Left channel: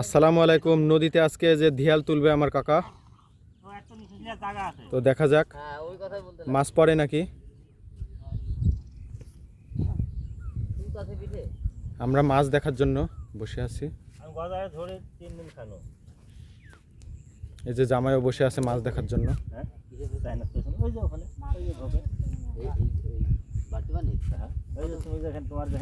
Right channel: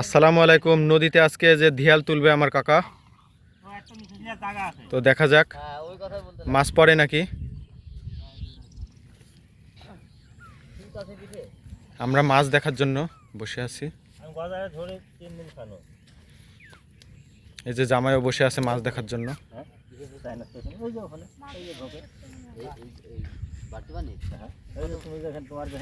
আসসালামু আলাইকুম। নদীতে আজকে যে ধিয়াল তুলবে আমার কাকা, তো দেখা যাক। মাছ পড়ে নাকি? আমরা মাছ দেখার জন্য বসে আছি। এই যে জামাইও বসে আছে মাছ দেখার জন্য। তোমার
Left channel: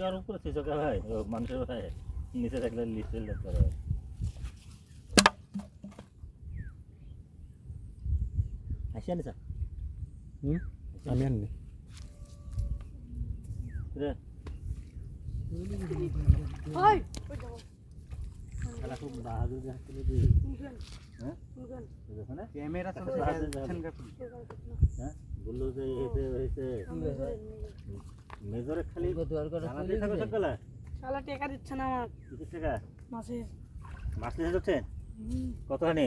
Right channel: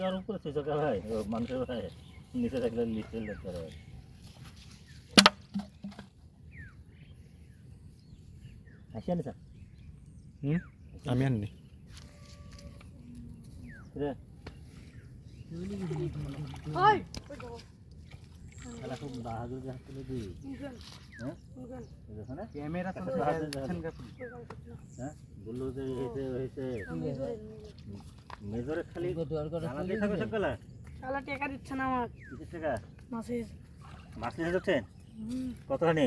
আর উপরে সুযোগ হয় মানুষের হয় নিচে থাকলে লিস্টেল দেখতে হয় আসি আনি স্যার হুম? আমি আননি। রে। Oi! বলল যে এতে হয়েছে মেজরে খালি সকালে শালা টেকা দিচ্ছে না আমার কিসের টাকা মাছের মাছ নিয়ে ঢুকছেন কতখানি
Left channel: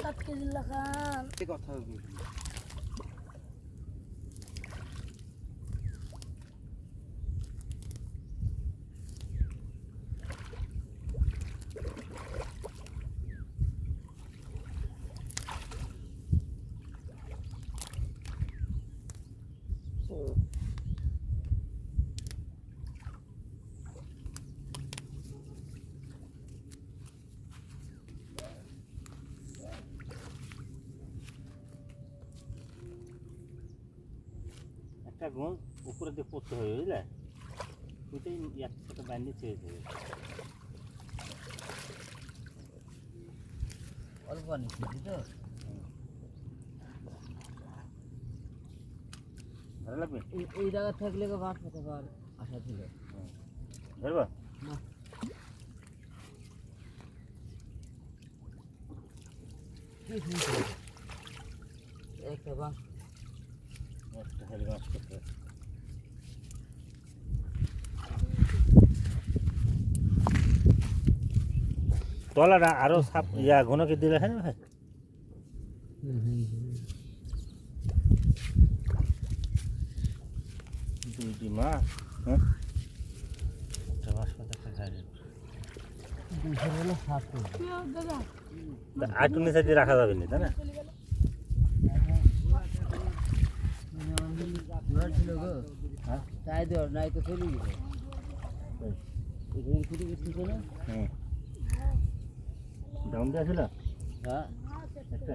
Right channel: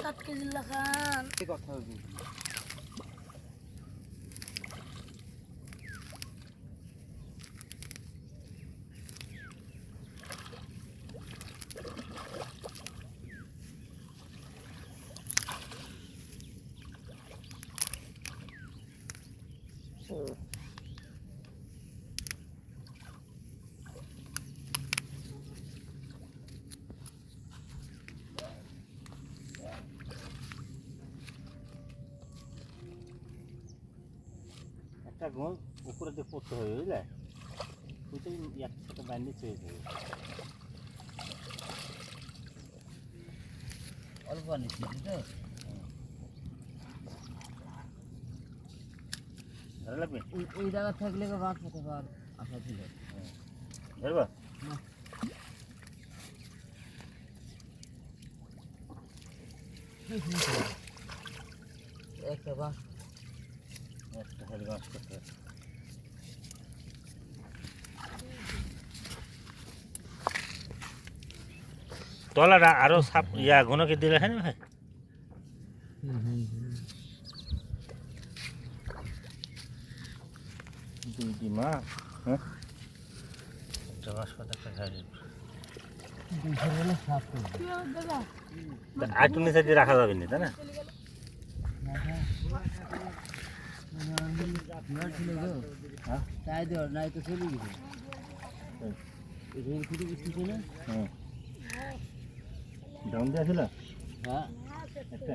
এক কেজি লাখান একটা গোল উপরে দিয়ে পড়তে হবে বুঝলে? ওইটাই একসাথে বান্ডিয়ে চেয়েছে অল্প আনিস তো? ধরে লাগবে? এই এই জায়গা থাকলে তো মাছ পেতে পার। আশা ছিল। ধরবা? একটা বাস। একটা খালি মাছ করতে। হবে। তলাটা আরও সাপ ইয়া ঘনকে দিলে হ্যাঁ ভাই? দুইটি মাছ হ্যাঁ? একটা মাছ কত একটা খাই আটু নিচে দিয়ে রাখা যাবে না তাই না? হ্যাঁ। তাই দেওয়ার নাই তো চলে গেছে। এখানে ছুটি বুঝতেছে না হুম ডাউন দিয়ে ছিল হ্যাঁ। একটা।